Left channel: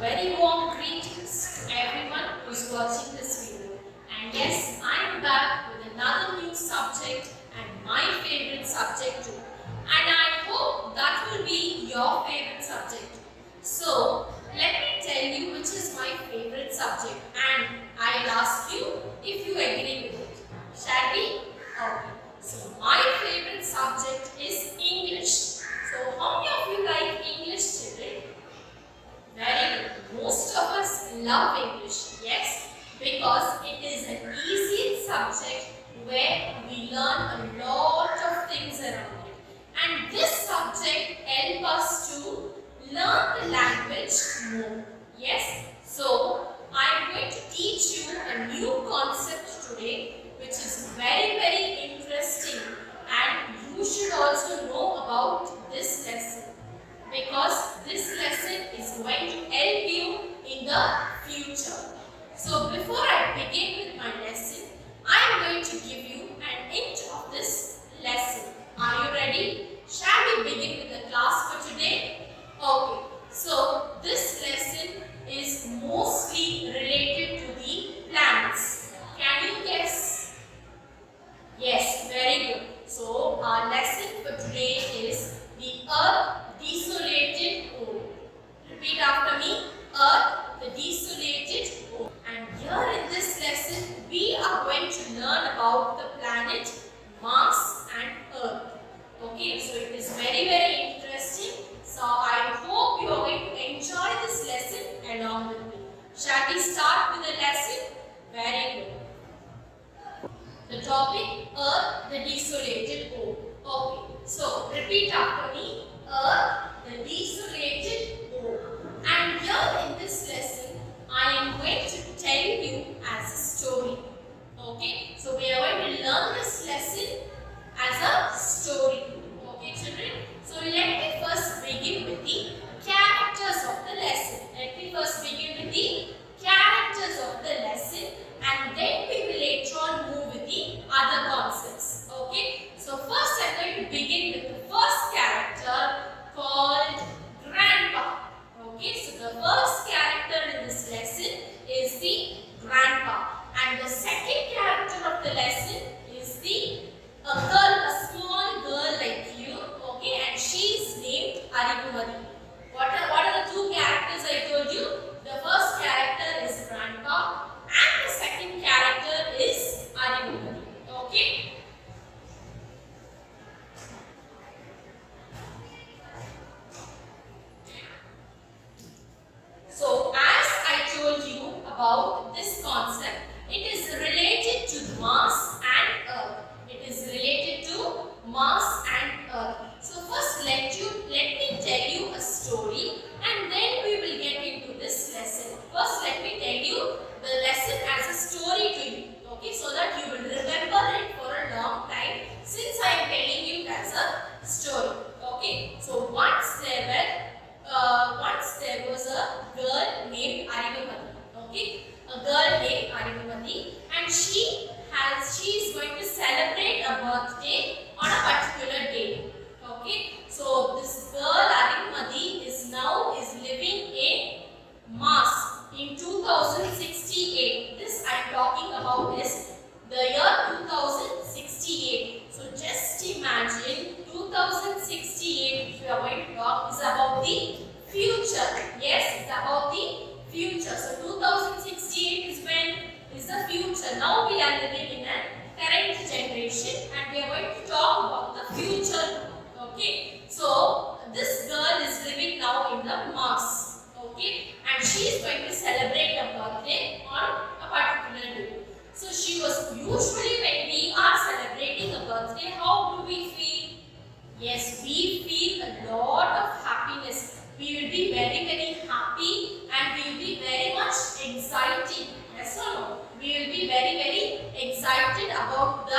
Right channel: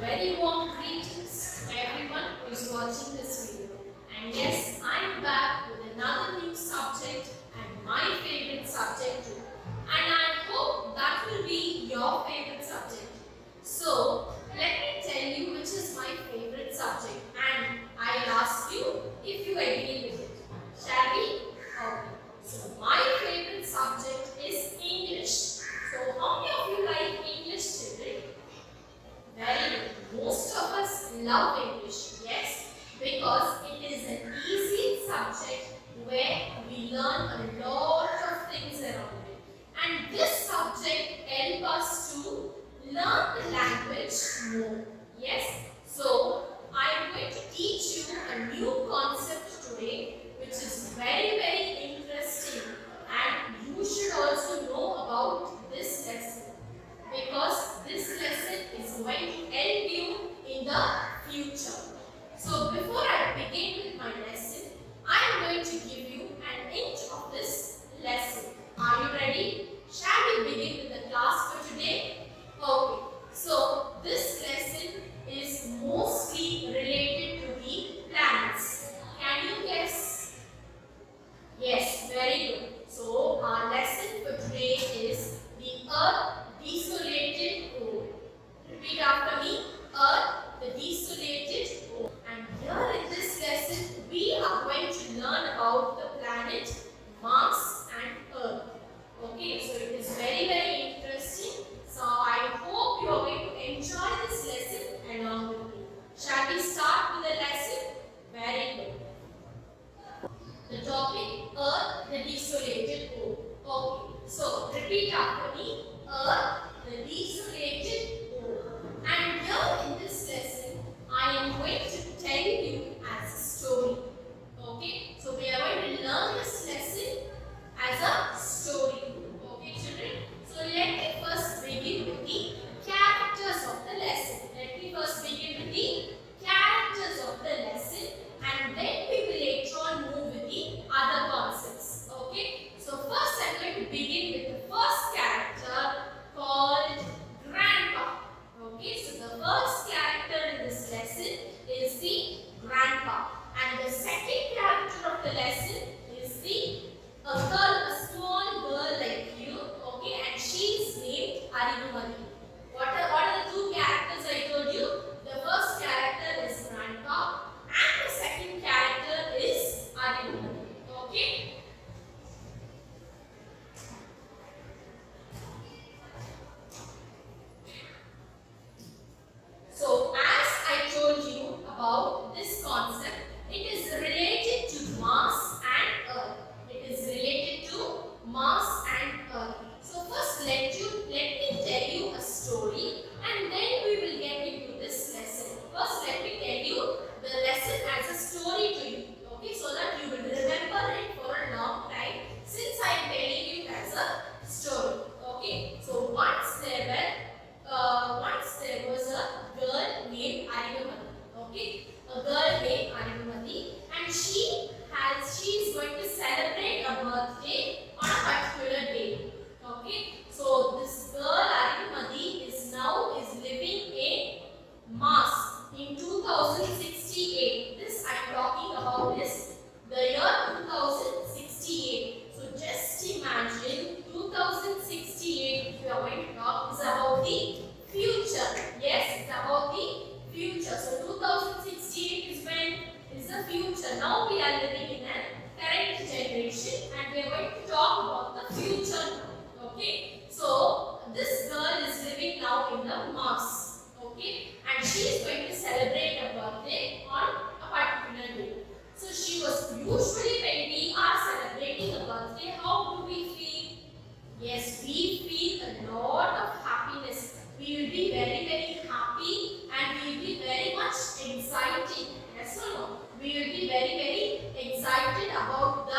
Very warm greetings to everyone who's watching this video. And yes, I'm back with another new subject and my favorite subject too. And I hope that will be your favorite subject. So, let me tell you which is my favorite subject and I'll ask you if you agree with it. Shall we? Okay. So, my favorite subject is English. So, how many of you like English, children? Very good. Most of us love English, yes, because it is an easy subject where we learn a lot of things around it. And this subject helps us to learn the language more. Yes, so I am going to teach you a new concept today which is very interesting and you should also know about this lesson, because this lesson is going to help you in the future. So before I begin with my lesson, I am going to give you an hint of this lesson. Are you ready? Shall we begin with the class for today? Okay. So this lesson is mostly related to the planets. Can you guess? Yes, very good. So our lesson for today is the Earth Desolated Ore. Repeat after me. Earth, the desolated ore. And here in this lesson, we are going to learn about the planet Mars and Earth. Okay, so it is very interesting. So I hope you are going to enjoy this lesson along with me. Shall we start with the lesson? Very good. The topic, Earth, the desolated ore. Okay, so repeat after me. Earth, the desolated ore. And here in this lesson, I am going to tell you as a story. Okay, so we are going to learn this lesson as a story. Okay, children. So let me first begin with the characters of the lesson. Let me first begin with the characters of the lesson, and then we will later on move with the other concepts. Okay, so first I am going to begin with the first character called Grandpa. Okay, so the first character in this lesson is the Grandpa, and the second character of the lesson is a girl, a small girl like you. Okay, and she is named Arivumadi. What are the two characters I told you? The first character is Grandpa and the second character is Arivumadi. Okay. So as I told you about this concept, it is related to Mars and Earth. It is related to Mars and Earth. So first let me tell you a story and then we will get into this lesson. First let me tell you the lesson as a story to you. Okay, so that you will remember it for a long time since I am telling you as a story. Okay, so once there was a girl named Arivumadi. Okay, a girl named Arivumadi, and she is going to celebrate a birthday on a particular day. Okay, so this girl Arivumadi is living in Mars in 2068. This I am talking about is the year 2068. So just imagine 2068, if you are going to talk, is about the future. Yes, it's about the future. So 2068 is the future. Now we are living in a current generation and we are going to talk about the future. Okay, so this girl is living now in the Mars. Okay, and she is going to celebrate a birthday on a particular day. So she was usually, when we are celebrating a birthday, how do we feel? Yes, we feel a lot of happiness. We will be very happy and we will be very much excited. Yes or no? We will be very excited about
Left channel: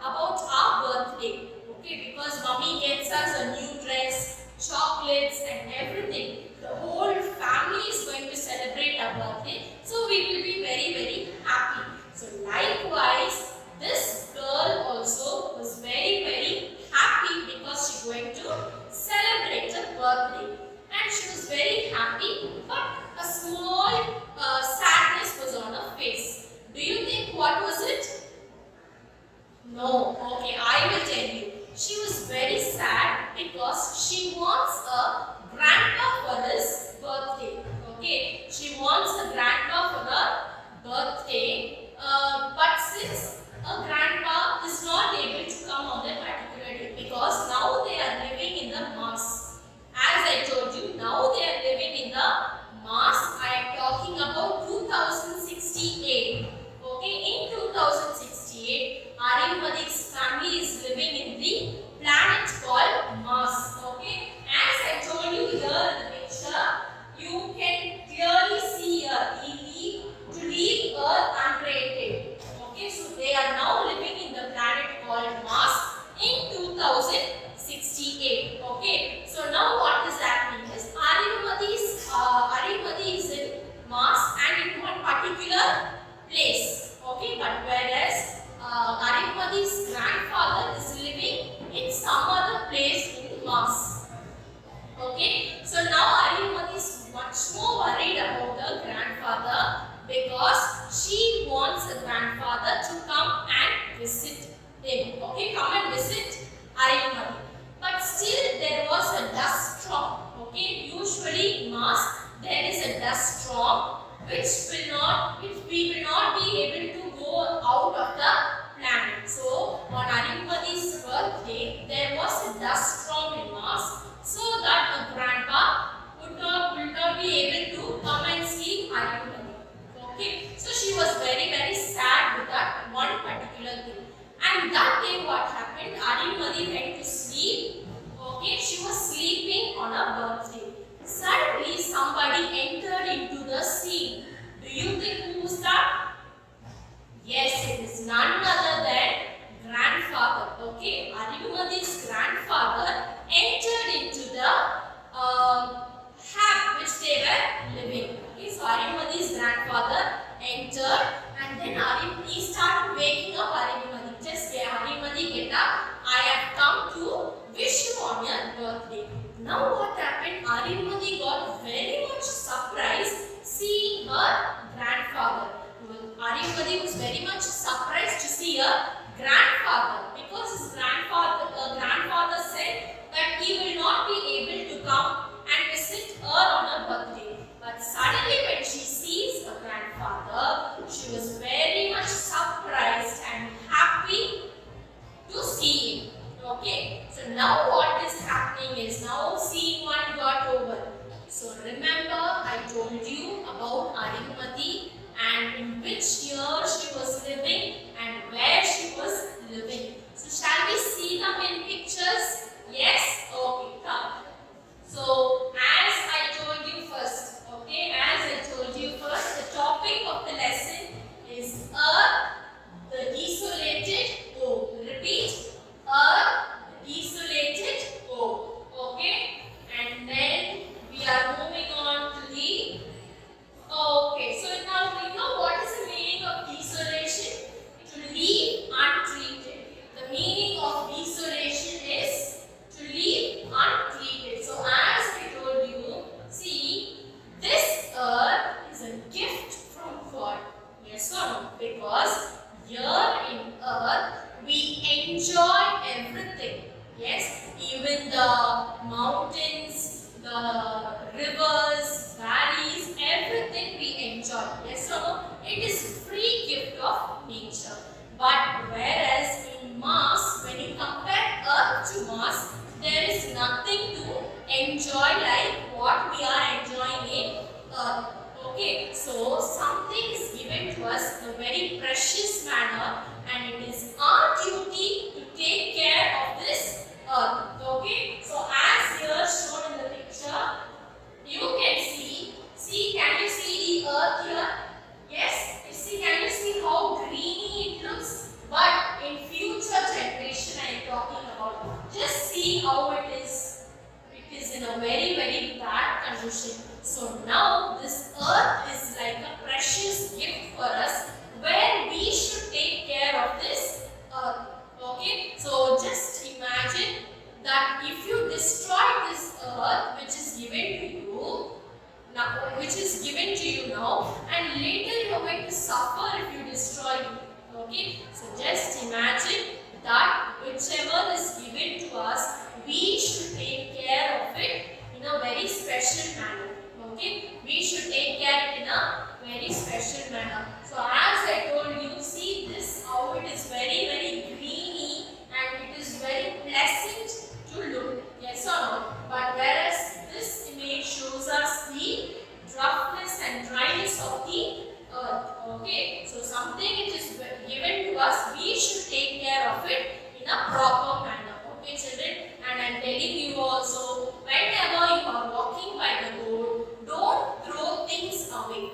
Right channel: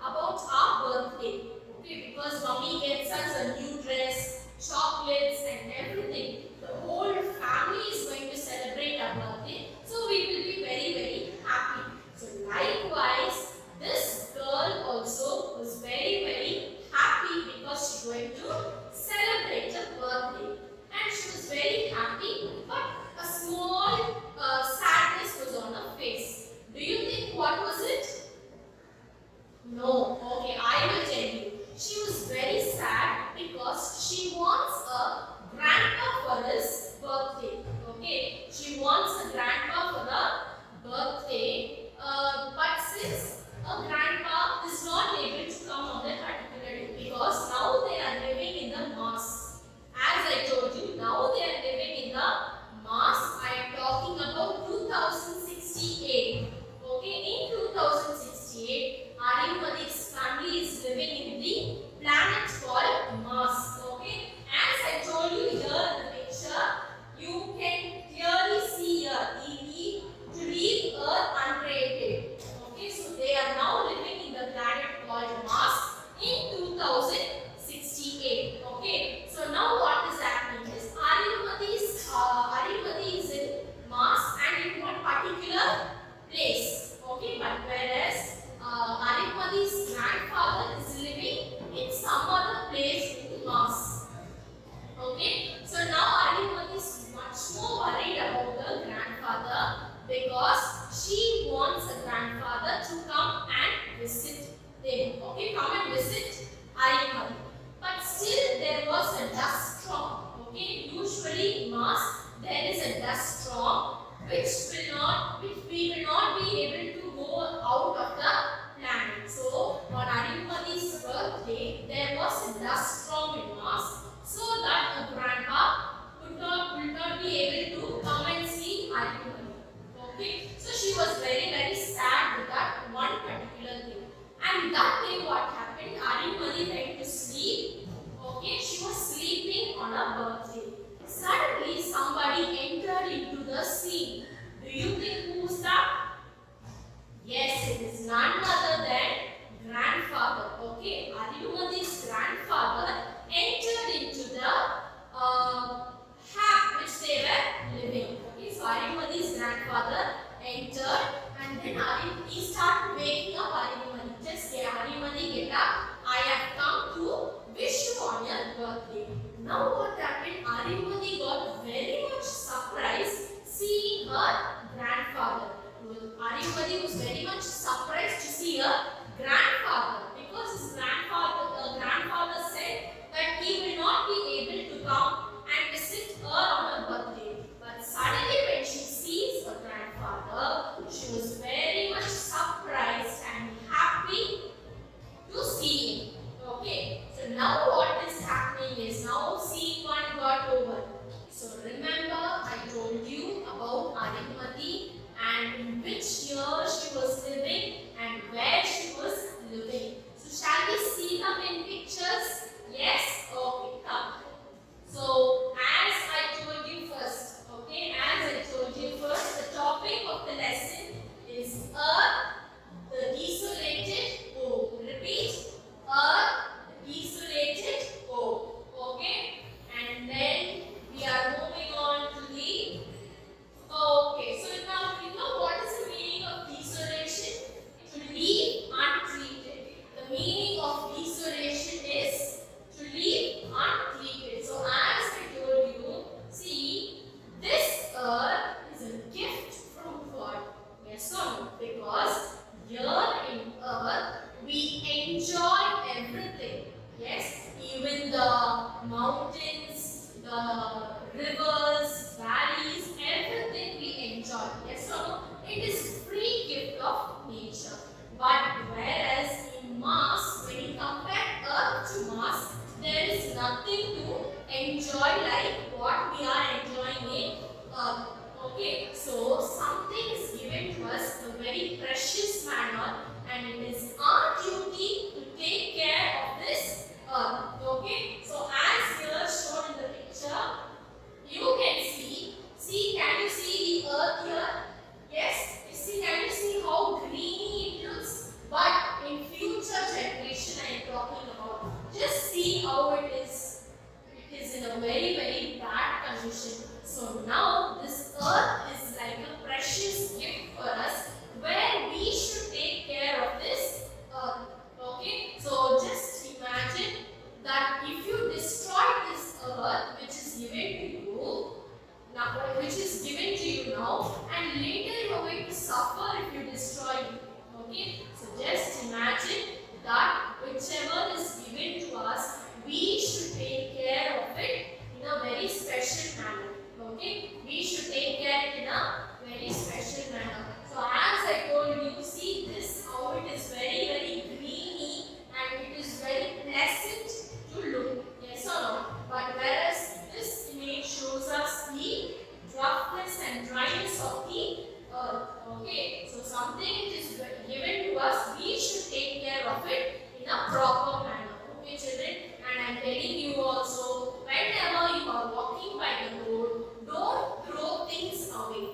our birthday. Okay, because mommy gets us a new dress, chocolates and everything. The whole family is going to celebrate our birthday. So we will be very happy. So likewise, this girl also was very happy because she's going to celebrate her birthday. And she was very happy. But a small sadness was on her face. Do you think what was it? No. Okay, I will tell you. She was very sad because she wants a grandpa for his birthday. Okay, she wants a grandpa for her birthday. But since a grandpa is not able to come on that particular day because now they are living in the mass. As I told you, now they are living in the mass. I am talking about 2068. Okay, in 2068, Aryamadi's family is living in the planet called Mars. Okay, as I told you here in the picture, you can clearly see to leave Earth uncreated. Okay, so they are now living in the planet called Mars in 2068. Okay, so now what is happening is Aryamadi is in Mars and in one particular place. Okay, but whereas Aryamadi's grandfather is living in some other place in Mars. Okay, so now Aryamadi is much more worried about the grandfather because she wants the grandfather to come and visit him. Okay, come and visit Aryamadi. But still there was a dust storm. Okay, usually in Mars there is a dust storm which we will not be able to go out of the planet. So on Aryamadi's birthday there was a dust storm in Mars, so that a grandpa would not be able to come and see Aryamadi. Okay, so she was very sad with that one particular thing. And that day what happened? Aryamadi went to sleep. Okay, she was sleeping on her birthday. Suddenly somebody entered into the scene. Do you think who was that? Yes, it is none other than grandfather. Okay, Aryamadi's grandfather entered into the hut which they were living. Okay, so Aryamadi's grandfather entered and then he started waking up Aryamadi. Just Aryamadi, get up. I have come to wish you on your birthday. Now what happened? Aryamadi got very much surprised seeing her grandfather. Aryamadi was very much surprised to see her grandfather because his grandfather said that he will not be able to come and visit her on her birthday. But suddenly when she sees her grandfather, she was very much surprised and happy to see him. Okay, so now what is happening is now scene 1 got over. So remember I told you about Aryamadi and in which year she was living and where she was living. So shall we see them in pictures? Yes? Okay, come. So as I told you first, the topic of the lesson is Earth, the desolated O. Repeat, Earth, the desolated O. Okay, and then we are moving on to the. Okay, so now we know what is the meaning of desolation. To leave untreated. The meaning of desolation is to leave untreated. So as I told you, see, this earth is a gift from God. Yes or no? Because here in earth we enjoy everything. Yes, even the mountains, the rivers, valleys, everything we enjoy. Yes or no? It is free gift of nature. But whereas in Mars, when you compare Earth to Mars, there is nothing to enjoy like what we are enjoying in Earth. Okay, so something is given to us in a very precious manner and it is our duty to take care of this Earth. Okay, so as here shown in the picture, you can see, can you see the Earth here? Yes, you see, can you see how greeny it looks? But in future generation I am talking about, just see how it is. It is in a very bad condition. So now this Earth is like a precious gift for us where we should take care of this Earth. Okay, so just imagine that if you destroy this Earth which is given to you, now now, which is given to you now, and later you are going to suffer if you destroy it. Okay, so just imagine that whichever is given to us, we should take care of it in a very special manner. Okay, we should take care of it in a very special manner. So as I told you, see this how it is very greeny and it is very pleasant to look. Yes or no? But whereas this image shows us the roughness and dryness of the earth. Okay, so something it is given to us, we should take care of it in a proper manner. Okay, children, and I am telling you also, whenever you are walking by the road, don't throw things away.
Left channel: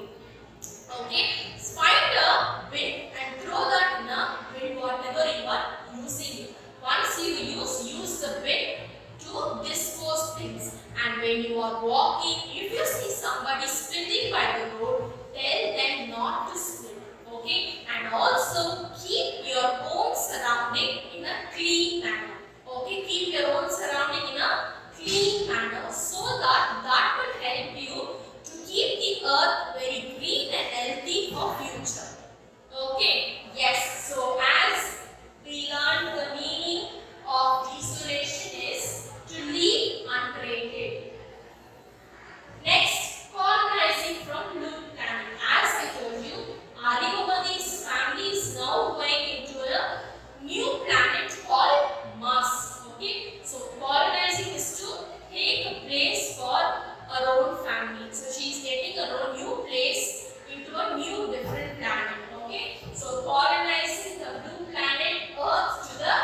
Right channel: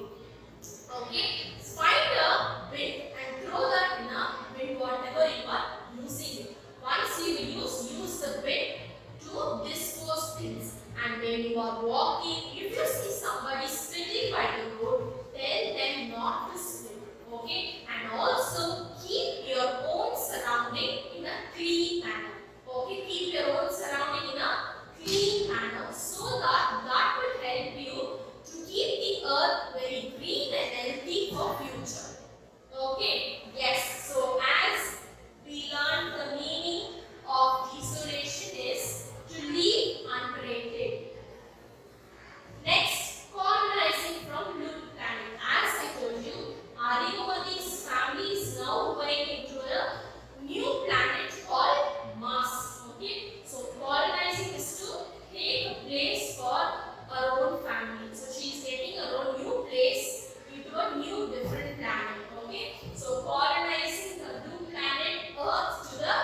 Okay, find a bin and throw that in a bin, whatever you are using it. Once you use the bin to dispose things. And when you are walking, if you see somebody spitting by the road, tell them not to spit. Okay, and also keep your own surrounding in a clean manner. Okay, keep your own surrounding in a clean manner, so that will help you to keep the earth very green and healthy for future. Okay, yes, so as we learned, the meaning of desolation is to leave uncreated. Next, colonizing from new planet. As I told you, Arigomadi's family is now going into a new planet called Mars. Okay, so colonizing is to take a place for her own family. So she is getting her own new place into a new different planet. Okay, so colonizing the blue planet Earth to the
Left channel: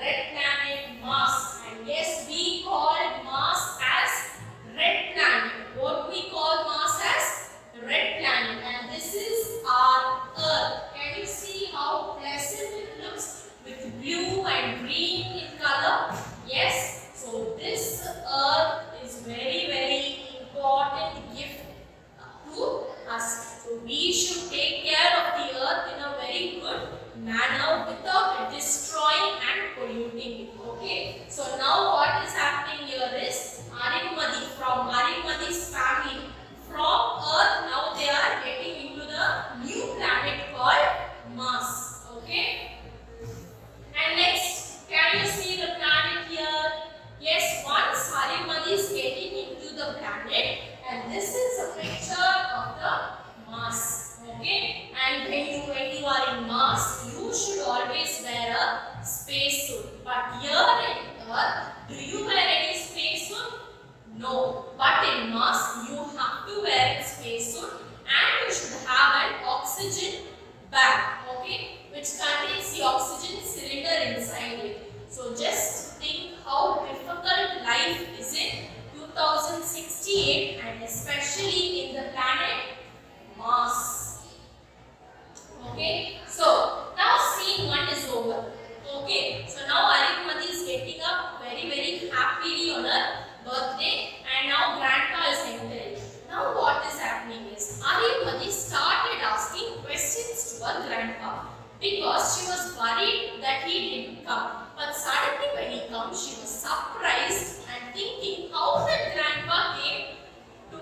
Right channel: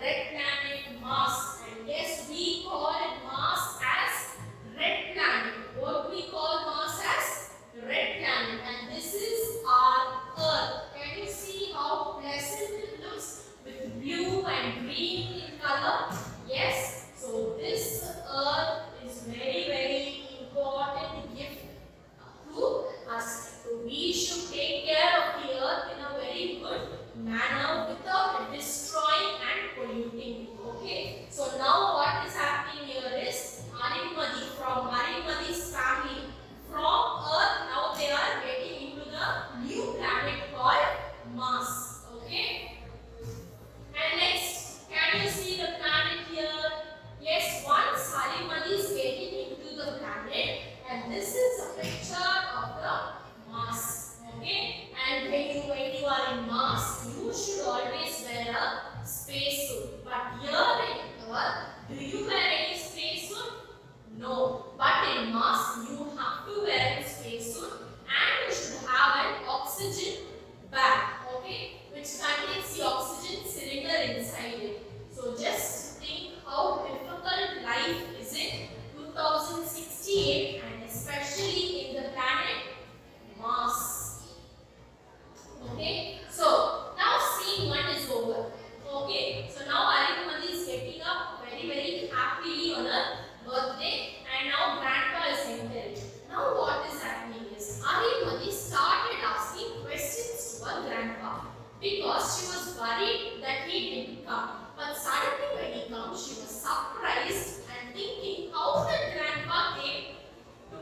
red planet Mars. And yes, we call Mars as red planet. What we call Mars as red planet, and this is our Earth. Can you see how pleasant it looks with blue and green in color? Yes, so this Earth is very important gift to us. So we should take care of the Earth in a very good manner without destroying and polluting it. Okay, so now what is happening here is Arigomadi, from Arigomadi's family, from Earth, now they are getting into the new planet called Mars. Okay, and next, can you see the planet here? Yes, once Arigomadi is getting into the planet, and this is a picture of the Mars. Okay, and when you are in Mars, you should always wear a spacesuit. But here in Earth, do you wear any spacesuit? No. But in Mars, you have to wear a spacesuit, and you should have an oxygen bag. Okay, which contains the oxygen cylinder inside it. So just think how difficult life is in 2068, and especially in the planet Mars. Okay, so now scene 1 is over. Okay, so now Arigomadi is getting up very happily on her birthday, and now grandpa is entering. Now what is happening is Arigomadi started asking questions to her grandpa because she was worried that he didn't come. But suddenly when he comes, she was surprised and thinking how the grandpa came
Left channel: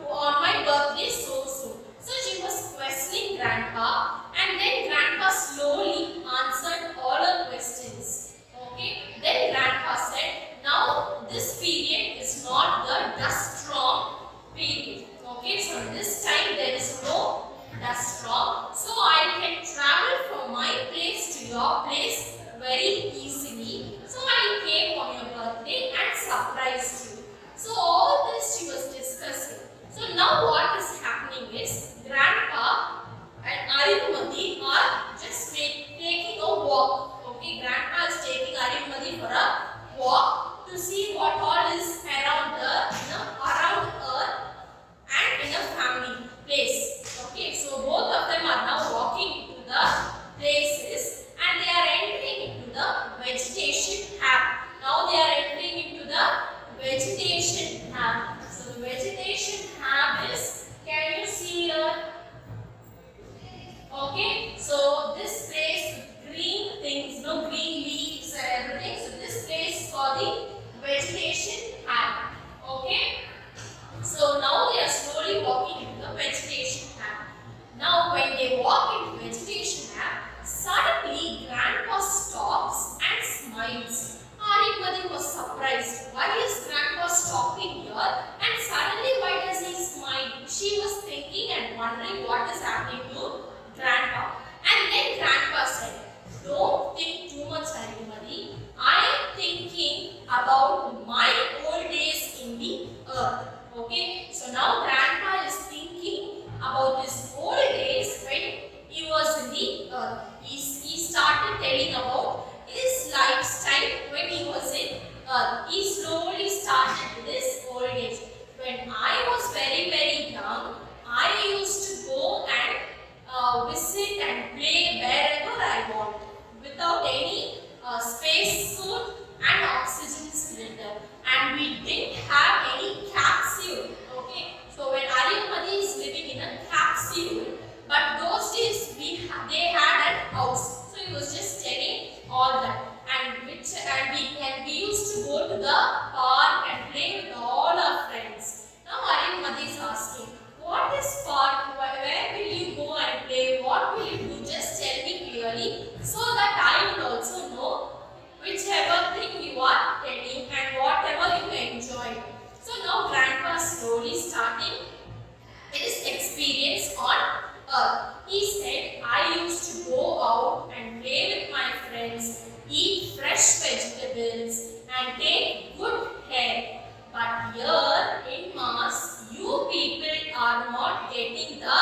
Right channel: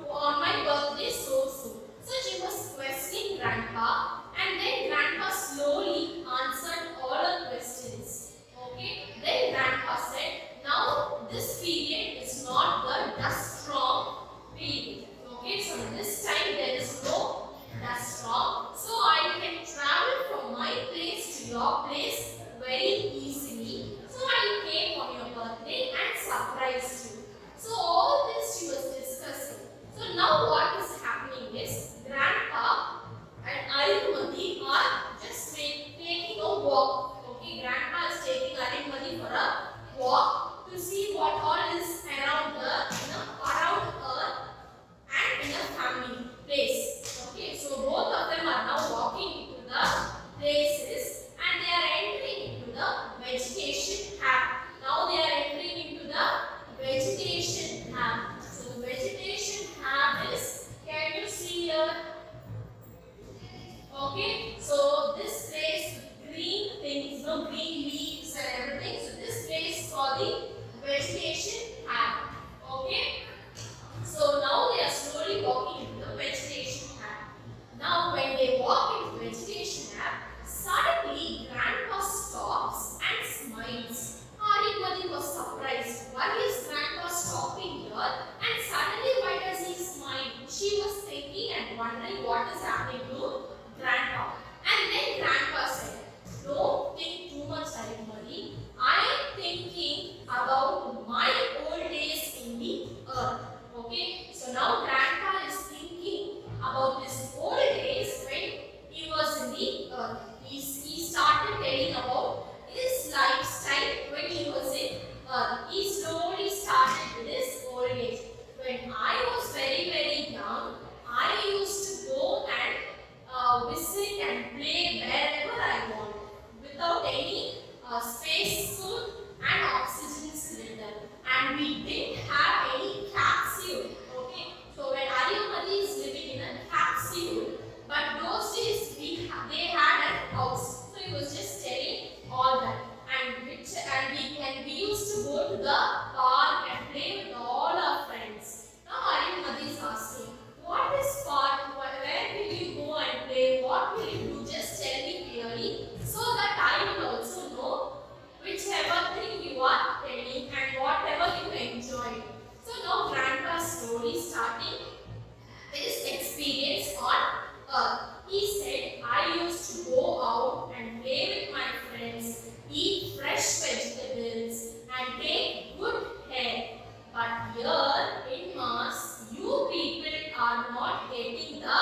on my birthday so soon. So she was questioning grandpa, and then grandpa slowly answered all her questions. Okay, then grandpa said, now this period is not the dust storm period. Okay, so this time there is no dust storm, so I can travel from my place to your place very easily. So I came on your birthday and surprised you. So all this she was discussing. So now what is happening is grandpa and Arigomadi are just taking a walk. Okay, grandpa is taking Arigomadi for a walk to see what all is around around Earth and in a family place. Okay, so both of them are now walking into the places, and they are entering into the vegetation hab. Now they are entering into the vegetation hab. So the vegetation hab is, can you see here? Okay, so this place with green things, green leaves and everything. So this place is for the vegetation hab. Okay, so now they are slowly walking into about my old days in the earth. Okay, so now grandpa is thinking about his old days when he was in the earth. He started telling about his lifestyle when he was in earth. He slowly started with his old age. When I was very young, I used to go and visit and play wherever I want without any space suit and oxygen cylinder, and we didn't have any capsule. Okay, so when Ariyamadi is living in a capsule, but those days they had a house, so he was just telling all that, and we used to go to the park and play with all our friends. Now Ariyamadi is asking, what is park? Where will you go and play? What will you do? Just tell me clearly so that I will also know whichever thing you are telling and whatever you enjoy. So now grandpa slowly starting his experience on earth. He said, I used to go out and play with my friends, eat fresh vegetables and take good care. But here in Mars, you people are not getting the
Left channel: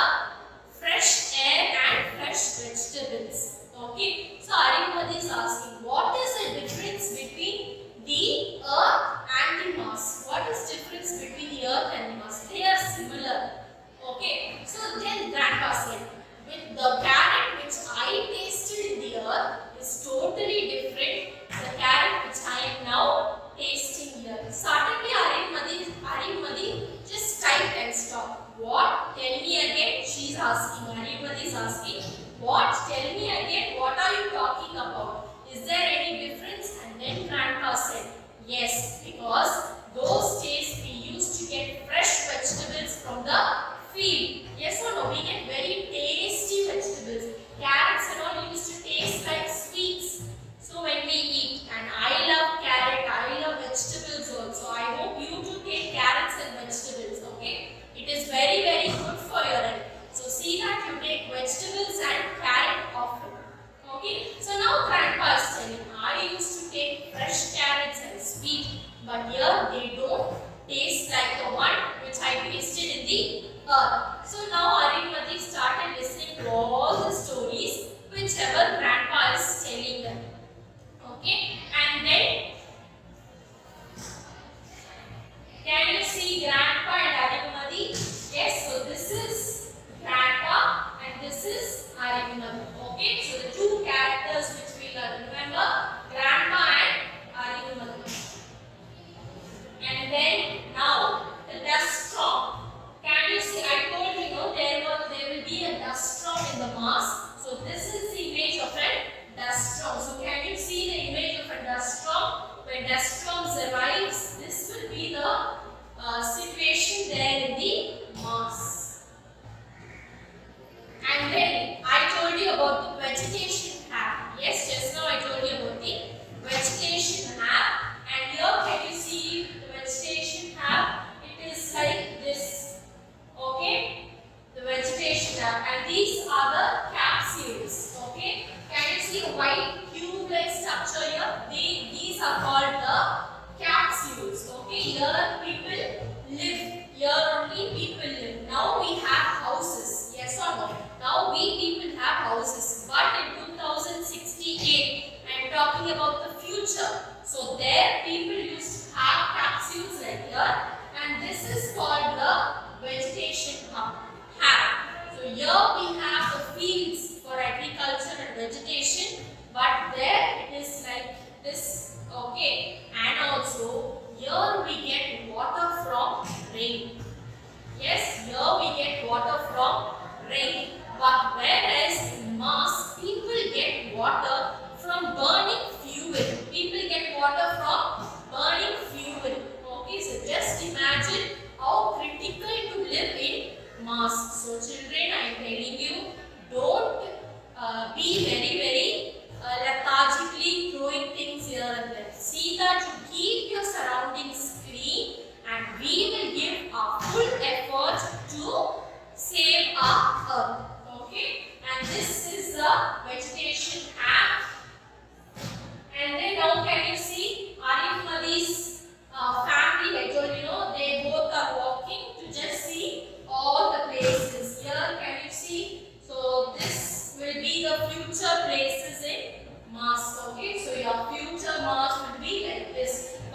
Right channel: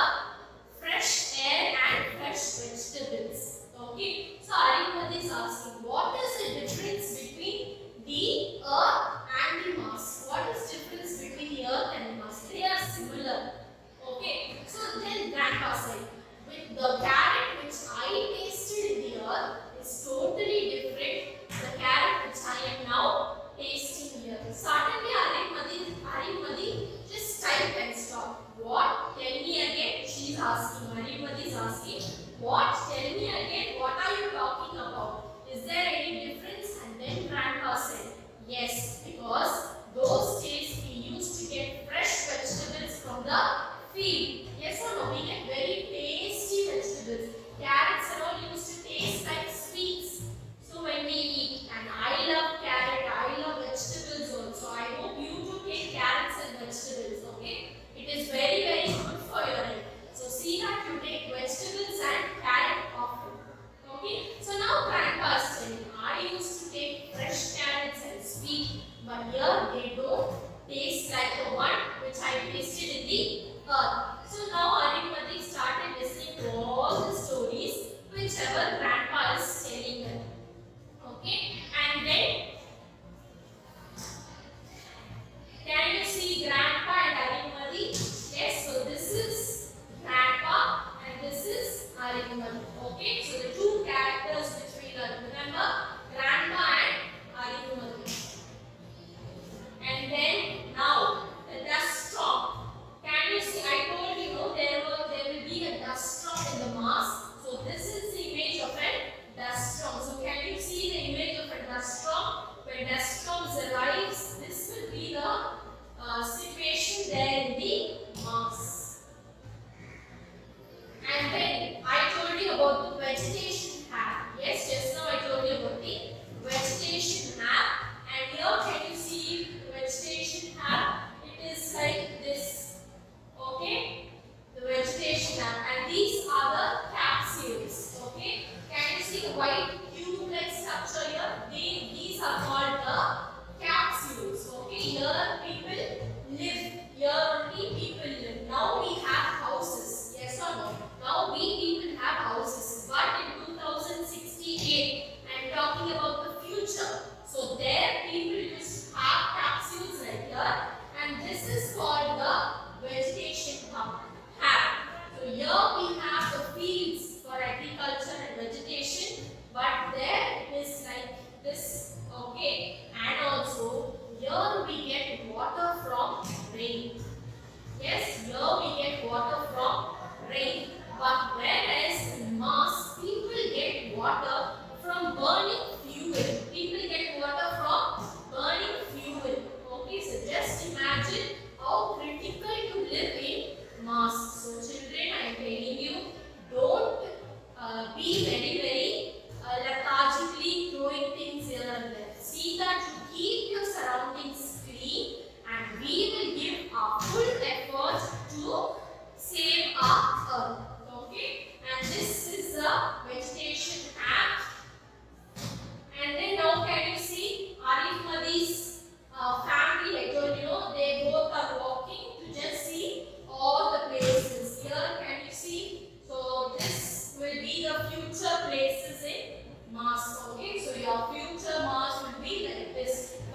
fresh air and fresh vegetables. Okay, so Ariyamadi is asking, what is the difference between the earth and the Mars? What is difference between the earth and the Mars? They are similar. Okay, so then grandpa said, with the carrot which I tasted in the earth is totally different. The carrot which I am now tasting here. Suddenly Ariyamadi just typed and stopped. What? Tell me again. She is asking. Ariyamadi is asking. What? Tell me again. What are you talking about? Is there any difference? And then grandpa said, yes, because those days we used to get fresh vegetables from the field. Yes or no? We get very tasty vegetables. Carrots and all used to taste like sweets. So when we eat, and I love carrot, I love vegetables also. I hope you too take carrots and vegetables. Okay? It is very good for your health. So see that you take vegetables and carrot often. Okay? So now grandpa is telling, I used to take fresh carrots and sweet, but here they don't taste like the one which I tasted in the earth. So now Ariyamadi started listening to all the stories whichever grandpa is telling them. Okay, and then can you see grandpa and Ariyamadi? Yes, so this is grandpa and this is Ariyamadi. Okay, so the two characters which we learn. Remember, grandpa and Ariyamadi. And then now the dust storm. Can you see? I told you, there will be a dust storm in the Mars. So this is the image of a dust storm. So can you see the image of a dust storm? When dust storms arrives, this will be the situation there in the Mars. And then I told you about the vegetation map. Yes, just now I told you about the vegetation map. And here can you see the vegetation map? It is like this. Okay, the vegetation map, and these are the capsules. Okay, can you see the white tube-like structure here? These are called the capsules. Okay, here people live. Here only people live. Now we have houses. Yes or no? Now we people have houses. But in 2068, I am talking about the future. So there people used to have capsules like here, and this is called the vegetation hub. So here we have the fields for agriculture and vegetation, but there it is like this. Okay, and also here we get water from rain. Yes, here we get water from rain, but whereas in Mars people get water from burning fuel. People get water from burning fuel. Okay, so just imagine how critical to live in Mars. So children, I am telling you, don't be very lethargically throwing things here and there. See that you keep your surroundings clean, and we will give our full effort to save our earth. Okay, and this is the vegetation app. And then now can you see Ariyamadi's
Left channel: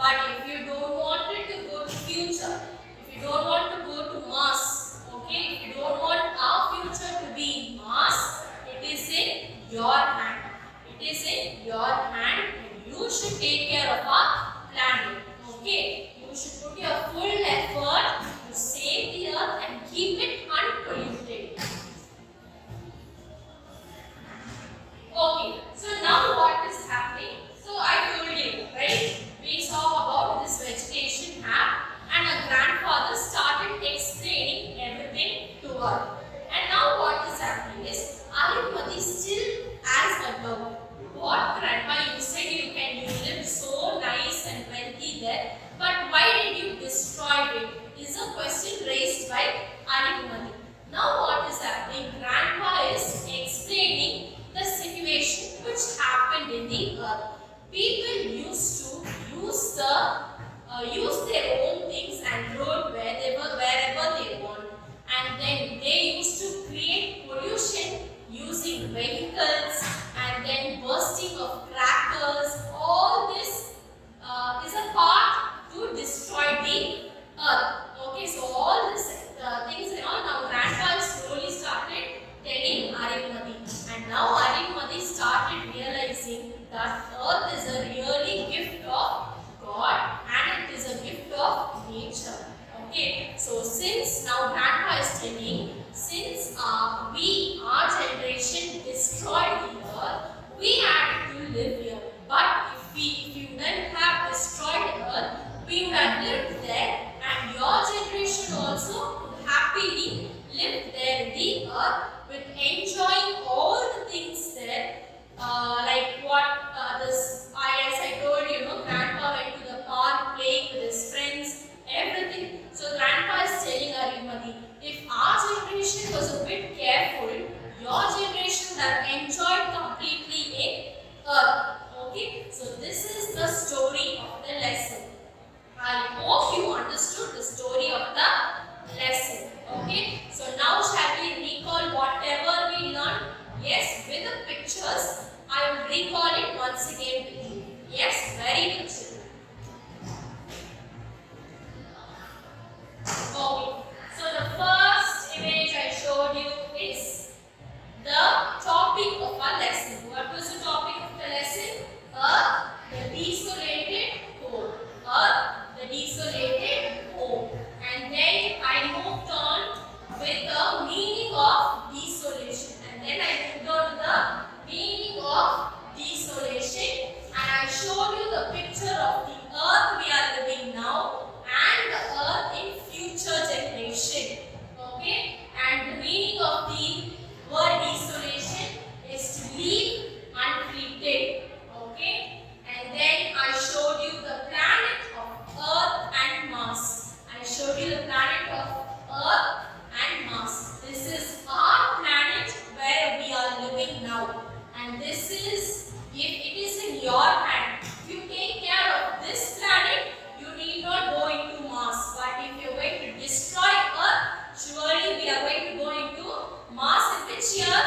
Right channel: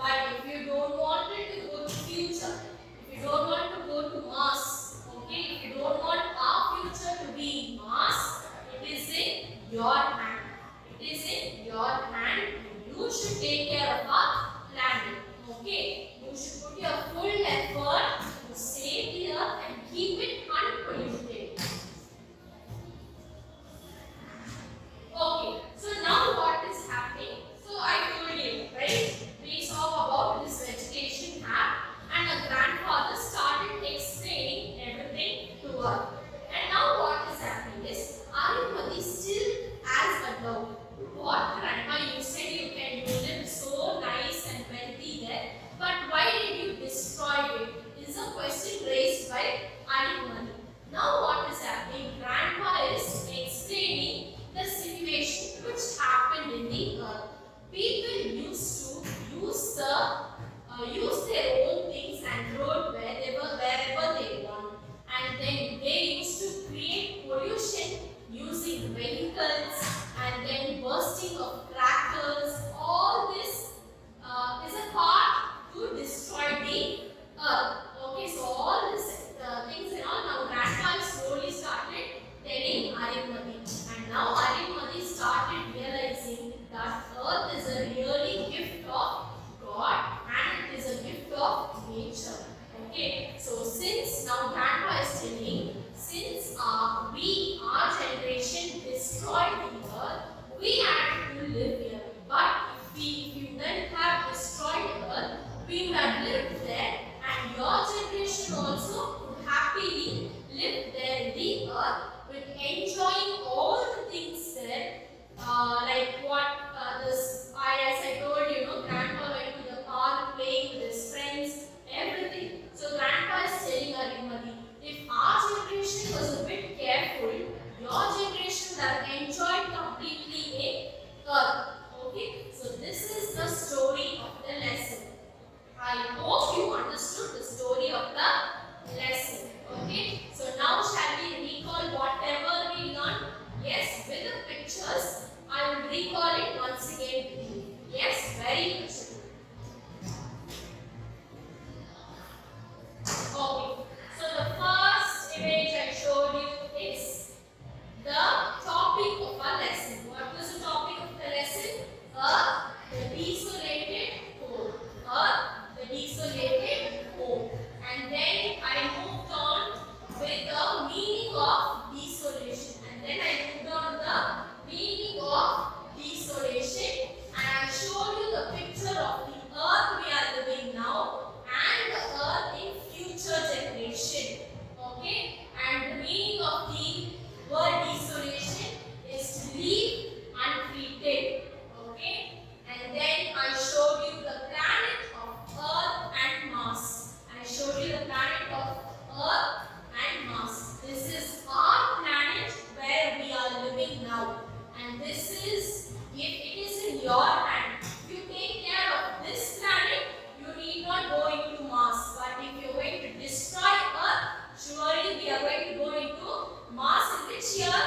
But if you don't want it to go to future, if you don't want to go to Mars, okay, if you don't want our future to be Mars, it is in your hand. It is in your hand, and you should take care of our planet. Okay, you should put your full effort to save the earth and keep it unpolluted. Okay, so now what is happening? So I told you, right? We saw about this vegetation app, and our grandfather started explaining everything to her. And now what is happening is Arunmati still as above. What grandpa, you said you live so nice and wealthy there, but why did you destroy it? Is a question raised by Arunmati. Now what is happening? Grandpa is explaining the situation which happened in the earth. People used to use their own things and rode wherever they want, and then they used to create pollution using vehicles and then bursting of crackers. All this is a part to destroy the earth. Okay, so all these things and all, now grandpa slowly started telling Arunmati, and now Arunmati started realizing that earth is a really gift of God and it is a gift of nature. Okay, so since now grandpa is telling, since our generation destroyed the earth, we had to live here. But if you wouldn't have destroyed the earth, we would have lived there, and your generation also could happily live there in the earth with enjoying all the things there, like what as I told you, grandpa went to the park playing with his friends, everything. So grandpa is telling Arunmati, if our generation was a bit careful, your generation would have enjoyed completely in earth. Okay, so this is the story of the lesson. I hope you understood the story of the lesson. Okay, so now shall we recall whatever we learned? Yes, with the pictures, I will recall it once again with you. Yes, very good. Okay, so the first image I showed you is the topic of our lesson. What was the topic of the lesson? Earth, the desolated home. Earth, the desolated home. And then I moved on with the meaning of desolation. And then I moved on to the meaning of desolation. And I showed you the picture of the earth we are living now and the earth in future generation. Okay? And the meaning of the word desolation is to leave untreated. Okay? And then I showed you the planet of Earth and Mars. I showed you the planet of Earth and Mars. This is our planet where we are living now. And this is, if it is in your hand, if you take care of this planet, you need not go into Mars. But if you are going to destroy Earth, surely we are going to go into Mars in which year?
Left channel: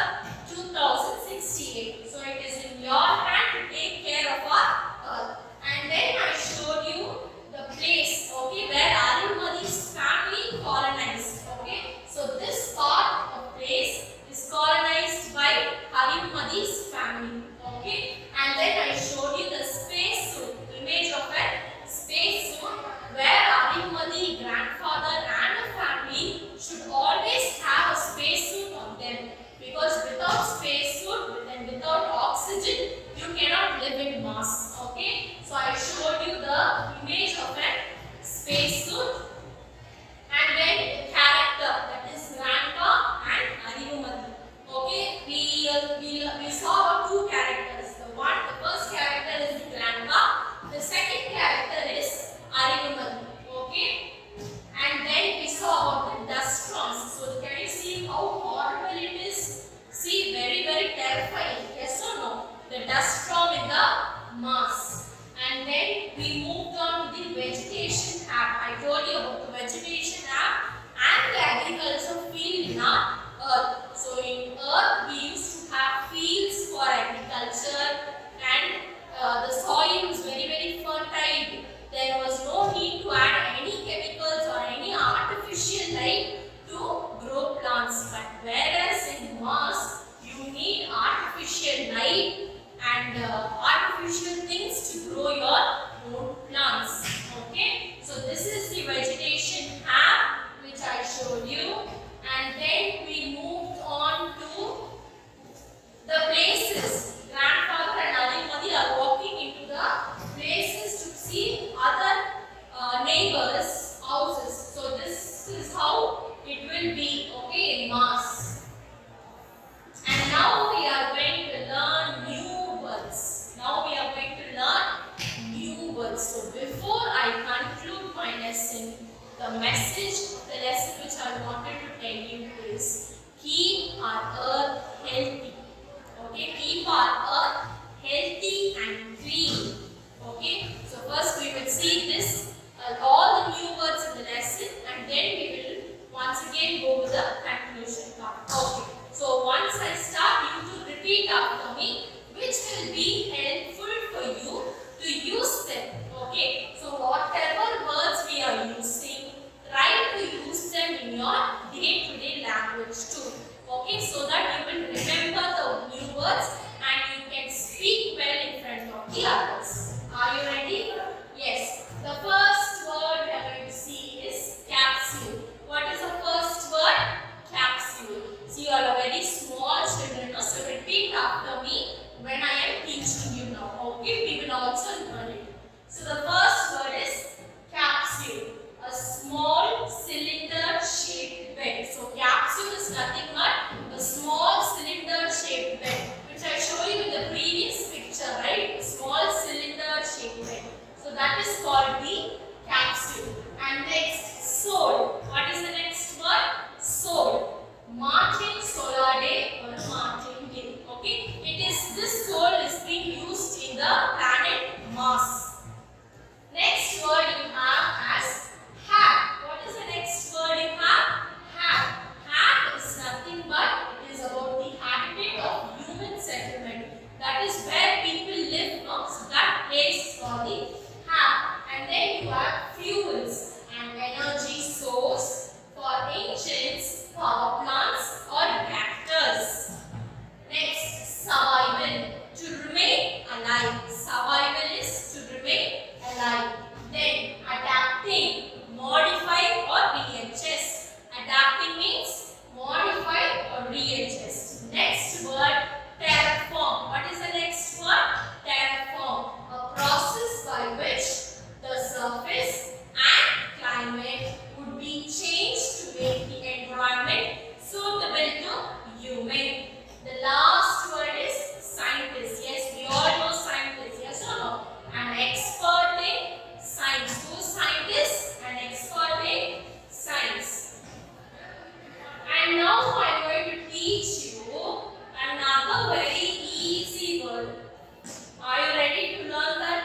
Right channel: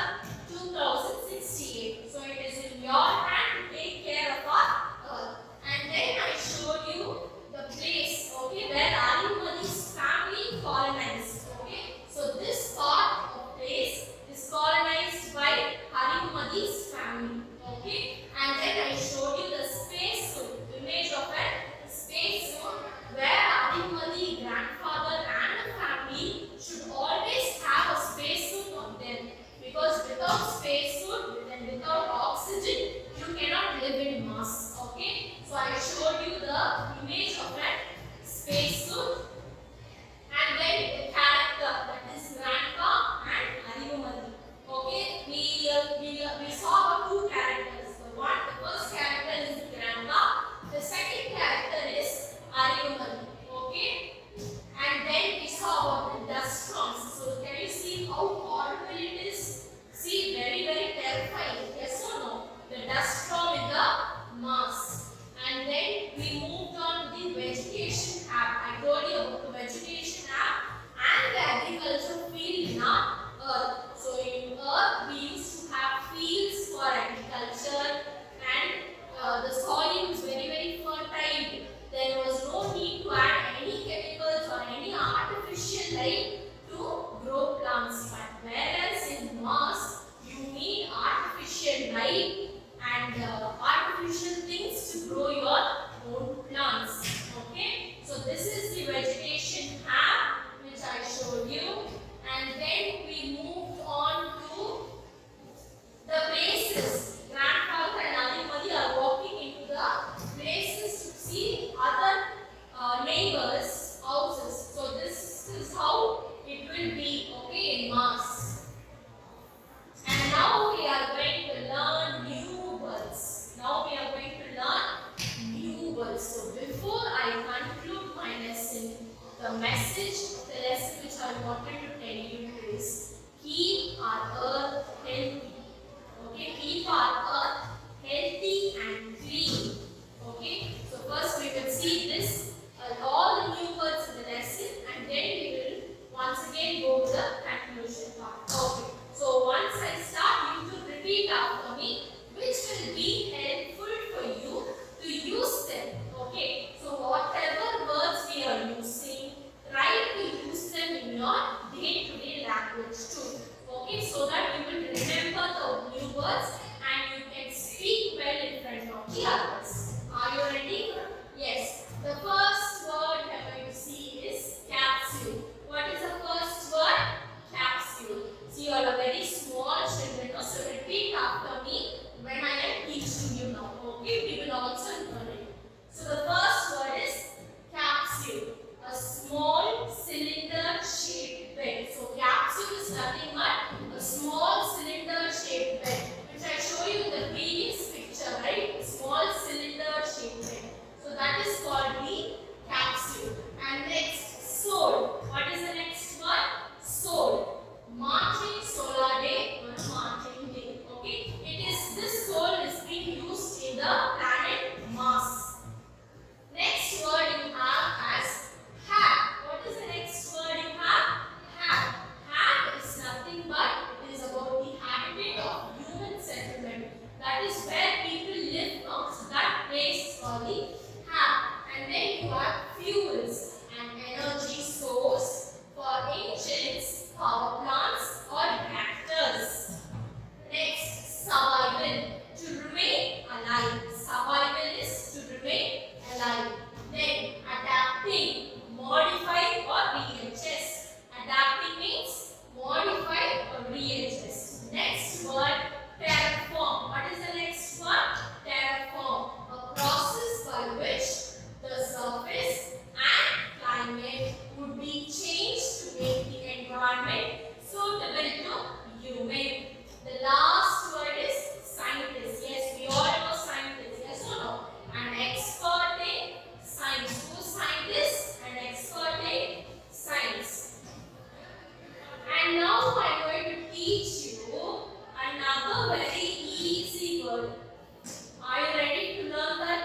2068. So it is in your hand to take care of our Earth. And then I showed you the place, okay, where Arunmati's family colonized. Okay, so this part of place is colonized by Arunmati's family. Okay, and then I showed you the space suit, image of a space suit where Arunmati, grandfather and the family should always have a space suit on them, because without space suit and without oxygen you cannot live in Mars. Okay, so I showed you the image of a space suit, and then the character, that is grandpa and Arunmati. Okay, we saw about two characters. The first character is grandpa, the second character is Arunmati. Okay, and then we saw about the dust storms. So can you see how horrible it is? See, very terrifying. Yes or no? The dust storm in the Mars. And then we moved on to the vegetation app. I told you about the vegetation app and the agriculture neighbors' houses. So this is how it will be, okay, in mass. And now we are going to learn new words. Now we are going to learn new words. So before I conclude my lesson, the message of the lesson which I wanted to tell you is keep our earth healthy. Okay, keep our earth healthy and clean. Okay, so first we will see this, all the new words in the lesson, and then we will once again go to the conclusion part. Okay, so once I start, you to repeat after me, which will be helpful for you to use them. Okay, so whatever words we are using, try to use them in your day-to-day language too. Okay, so that you will remember the new words and you can speak well in front of the others. Are you ready? Yes. The first word we are going to see is capsule. What is the first word? Capsule. See, you are a very small children, so repeat after me when I am teaching you now. Okay, we will also learn it. So the first word is capsule. A small cylinder shaped bed. So capsule is nothing but a small cylinder shaped bed, which I show you in the previous picture, right? A small cylinder shaped bed. So that is called the capsule. And next, soul. What is the next word? Soul. Martin solar day or Martin day. Okay, it is this soul is being used in the planet Mars. Next word you have as hat. What is the next word you have? Hat. Hat is nothing but it is about the habitat of human settlement. That is where people live now. So that place is called the hat. And then you have fuels and energy source for engines, power plants or reactors. Next, survival. To remain alive. Survival is to remain alive. Then adapting, modify or readjust. Adapting means modify or readjust. Next word, terraform. What is the next word? Terraform. A process by which the surface and climate would be changed to make the environment suitable to human. The last word is scientist. Yes, we all know scientist. Yes or no? An expert in science. Who is scientist? An expert in science. And now I am going to teach you another very easy word. Are you ready to learn that?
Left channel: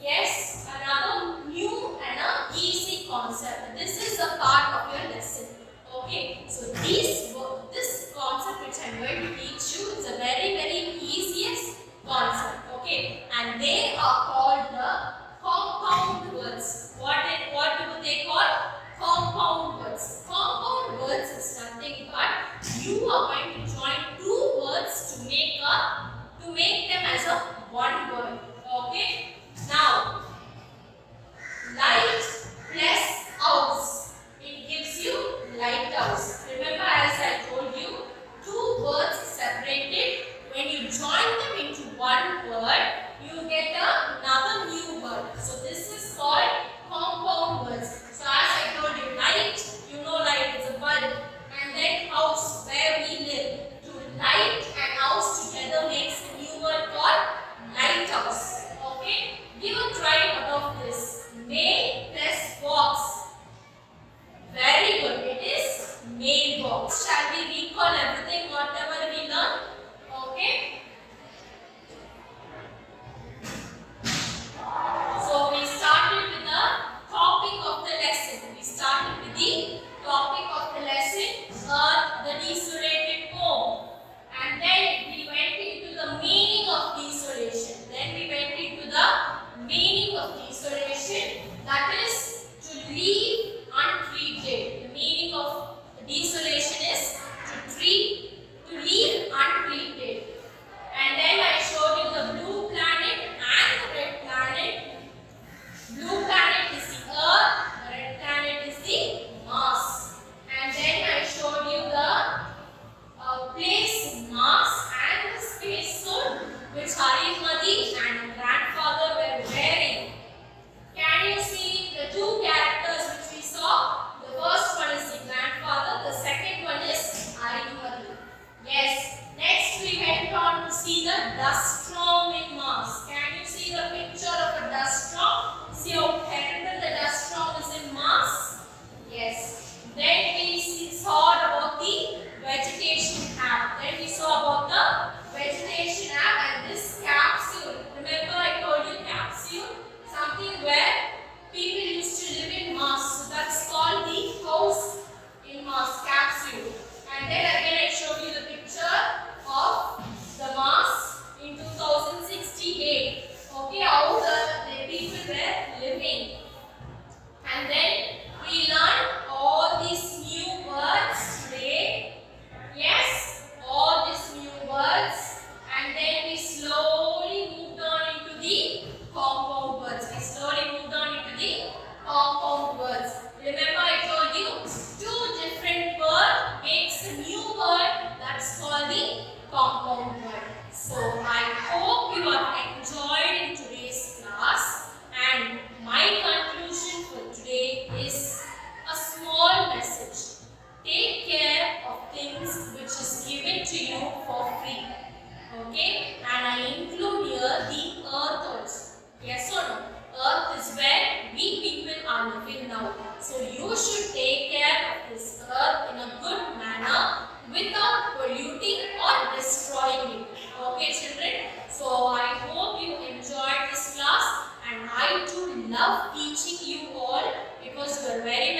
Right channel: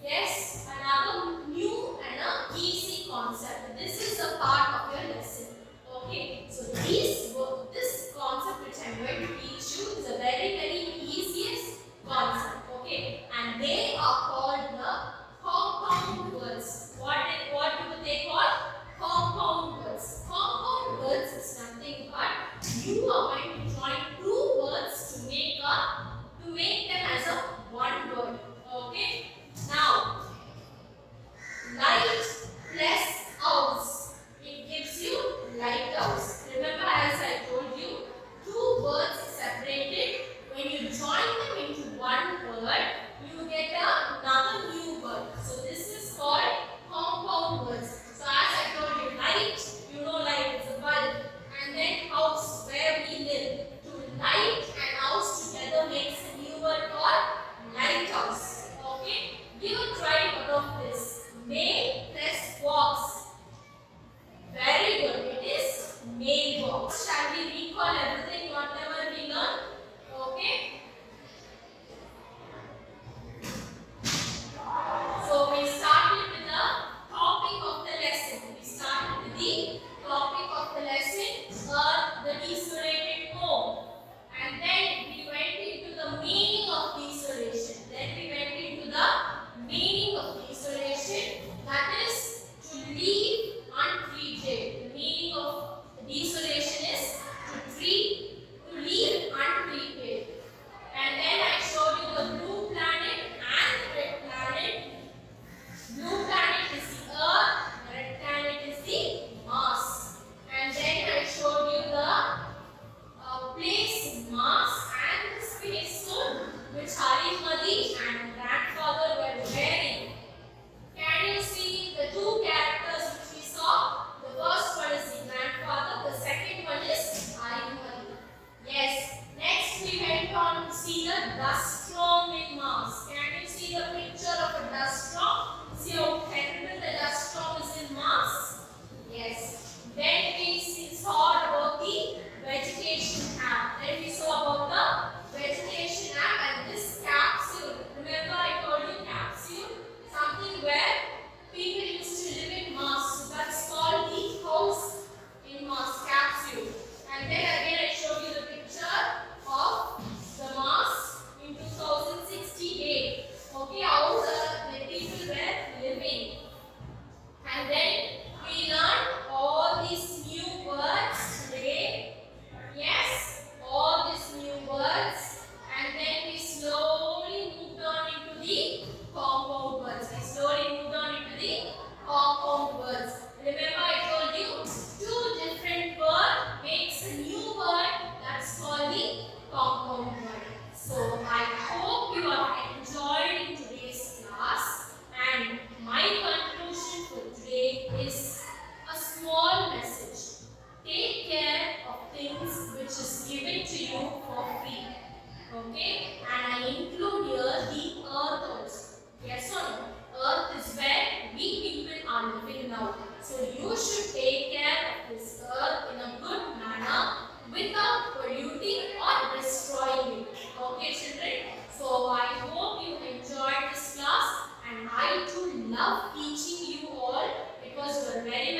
Yes, another new and an easy concept. This is a part of your lesson. Okay, so this concept which I am going to teach you is a very easiest concept. Okay, and they are called the compound words. What do they call? Compound words. Compound words is nothing but you are going to join two words to make them as a one word. Okay. Now, light plus house. living. And then we learned all these new words today. Yes, all these new words. And then we slowly moved on into the compound words. We slowly moved on into the compound words. Remember I told you two different words makes a new word, that's called the compound word. So I hope you have enjoyed in today's class, and my conclusion for today is a small message. Take care of things which is given to you for free. Okay, and I include here the earth also. Yes or no? Earth is where we people are living now. So you should take care of this earth in a good manner without polluting or destroying it. Okay, children? So I hope you enjoyed this class, and I too love teaching you all because you are very